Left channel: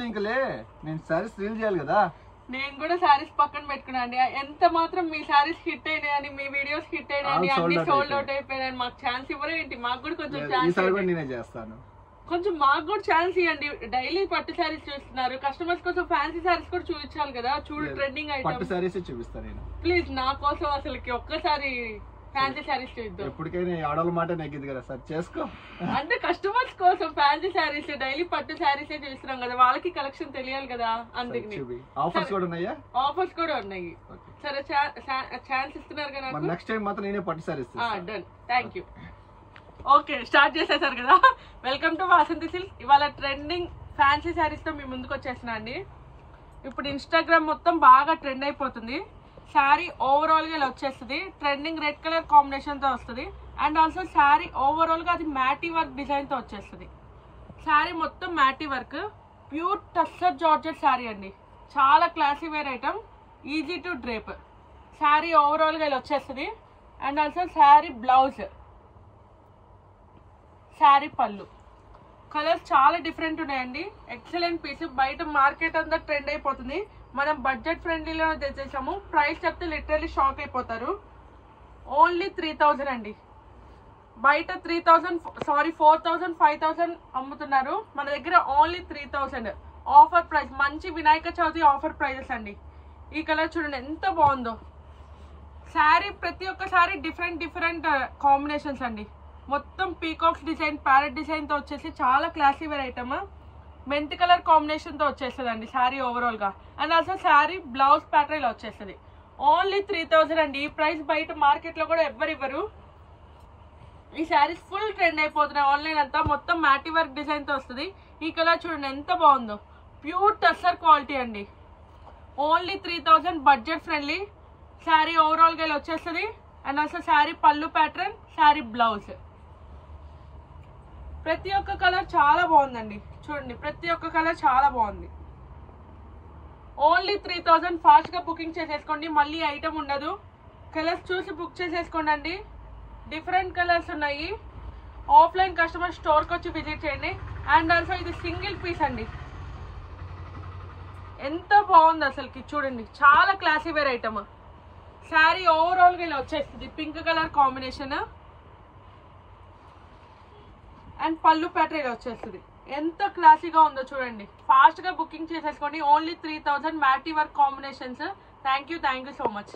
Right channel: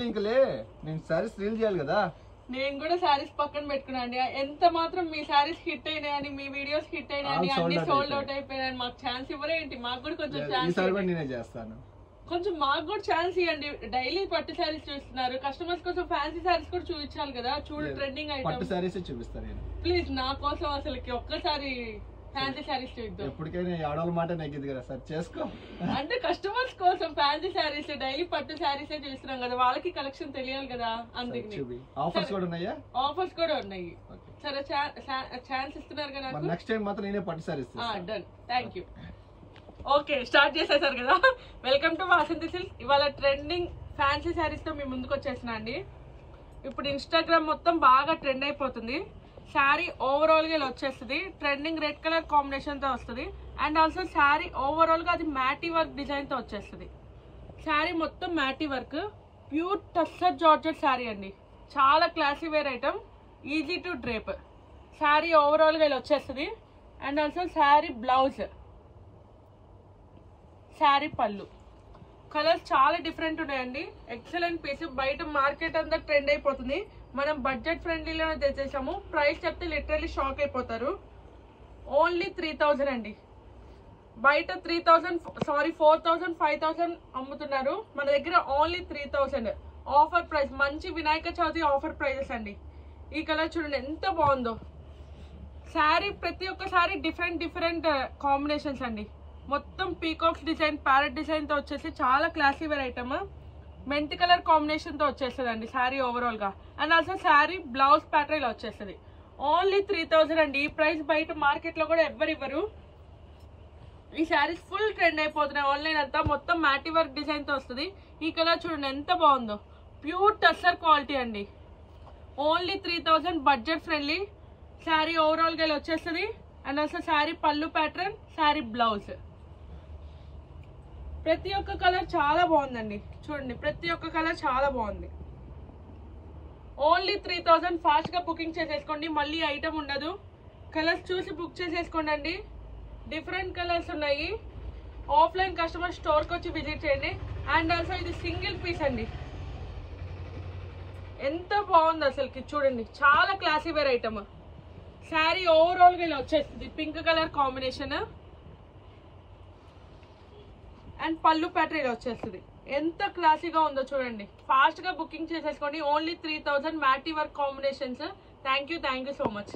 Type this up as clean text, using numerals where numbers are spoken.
ఇంకలే నేను సారీస్ రీల్ చేయాలి కదా. నేను కూడా సారీస్ పక్కన పెట్టుకున్నాండి. ఎంత మాత్రం మీ సారీస్ హిట్ అయినాయని, మీ వీడియోస్ హిట్ అయినాయని, అన్ని సోల్డ్ అవుట్ అయిపోయాయని మాకు ఛాన్స్ ఇవ్వరేంటి? మాకు కూడా కొంచెం ఛాన్స్, నేనే చేస్తాను. కొంచెం మాకు కూడా ఛాన్స్ ఇవ్వండి. డైలీ పట్టు సారీస్ చూస్తున్నారు, కస్టమర్స్ కోసం ఫ్యాన్సీ సారీస్ కూడా చూపించాలి కదా. చూడు ట్రెండింగ్ అయితే పట్టు సారీస్ చూపిస్తాను నేను. ప్లీజ్ నా కోసం అసలుకి ఒక్కసారి ఫ్యాన్సీ సారీస్ చూద్దాం. ఎప్పటికైనా ఆడవాళ్ళ మాట నెగ్గింది కదా సార్, చేసుకో. అంటే కస్టమర్స్ కోసం ఫ్యాన్సీ సారీస్, డైలీ పట్టు సారీస్ చూస్తున్నాం కదా, వాళ్ళకి కలెక్షన్ తెలియాలి కదా. అందుకని ఆఫర్స్ కూడా ఉన్నాయా? ఆఫర్స్ కూడా ఉన్నాయి. సరే ఛాన్స్ ఇస్తున్నారు కదా. నెక్స్ట్ టైం మాత్రం నేనే పట్టు saris. Done, thank you. Okay, start చేసేసారు కదా. Welcome to Vasanthi silks. ఇవాళ ట్రెండింగ్ ఫ్యాన్సీ సారీస్ తో మీ ముందుకు వచ్చేసిన అండి. ఇప్పుడు ఇన్స్టాగ్రామ్ మొత్తం బాగా ట్రెండ్ అయిపోతుంది. శారీ ఓవరాల్ గా ఇలా వచ్చేస్తుంది. ట్రెండింగ్ రెడ్ కలర్ కాంబినేషన్ తో వస్తుంది. అండ్ ఆల్సో శారీ ఓవరాల్ గా అది మ్యాటీ వర్క్ డిజైన్ తో వచ్చేస్తుంది. శారీ మొత్తం మ్యాటీ work, pure tussar georgette sari అండి. చాలా classy wear item, easy to drape. Sari overall గా ఇలా వచ్చేస్తుంది. And also sari blouse, sari పళ్ళు. కలర్స్ చాలా డిఫరెంట్ ఉన్నాయండి. Excellent piece. బయట మార్కెట్ అంతా ట్రెండ్ అయిపోతుంది, మనం బడ్జెట్ ఫ్రెండ్లీలో తెచ్చేసాము. ప్రైస్ చెప్తే లిటరల్లీ షాక్ అయిపోతారు. ఓన్లీ 3000 అండి. బయట 3000 4000 5000 అమ్ముతున్నారు, మన దగ్గర ఓన్లీ 3000 ఆఫర్ ప్రైస్. మంచి వినాయక చవితి ఆఫర్ ప్రైజెస్ అండి. ఈ కలర్ చూడండి ఎంత బాగుందో. శారీ ప్రతి ఒక్క శారీ డిఫరెంట్ కాంబినేషన్స్ అండి. మొత్తం పీకాక్స్ డిజైన్, ప్యారెట్ డిజైన్ తో వచ్చేసి చాలా క్లాసీ వేర్ ఐటమ్. మెంతి కలర్ కాంబినేషన్ తో వచ్చేస్తుంది అండి శారీ ఓవరాల్ గా. And also sari blouse pattern ఇలా వచ్చేస్తుంది. ఓన్లీ 3000 అండి. ఈ ప్రైస్ బయట మార్కెట్ లో కూడా ఎవ్వరు ఇవ్వరు. ఈ శారీస్ ఫుల్ ట్రెండ్ అయిపోతున్నాయి ఆన్లైన్ అంతా. మొత్తం మ్యాటీ వర్క్ డిజైన్ తో వస్తుంది. ఈ కలర్ చూడండి ఎంత బాగుందో. ప్యూర్ టస్సర్ క్వాలిటీ అండి. Only 3000, budget friendly. Sari overall గా ఇలా వచ్చేస్తుంది. అండ్ ఆల్సో శారీ పళ్ళు ప్యాటర్న్, శారీ బ్లౌజ్. ప్రతి ఒక్క కలర్ చాలా బాగుందండి. చూడండి ప్రతి ఒక్క కలర్ చాలా బాగుంది. ఓన్లీ 3000. ఫాస్ట్ గా బుకింగ్ చేసేసుకోండి, మళ్ళీ ఐటమ్ ఉండదు. కలర్స్ చూసి బుక్ చేసేసుకోండి అండి. డిఫరెంట్ కలర్స్ ఉన్నాయి. ఆఫ్లైన్ కస్టమర్ స్టోర్ కి వచ్చి విజిట్ చేయండి. అండ్ ఆల్సో ఇది సింగిల్ పీస్ అండి. ఎంత బాగుంది అసలుకి. చూడండి చాలా classy wear item. Sari overall గా ఇలా వచ్చేస్తుంది. పింక్ కలర్ కాంబినేషన్ అండ్ పళ్ళు ప్యాటర్న్ ఇలా వచ్చేస్తుంది. ఎంత క్లాసీగా ఉందో చూడండి. ఫాస్ట్ గా బుకింగ్ చేసేసుకోండి. Only 3000, మ్యాటీ work combinations. Thank you so much.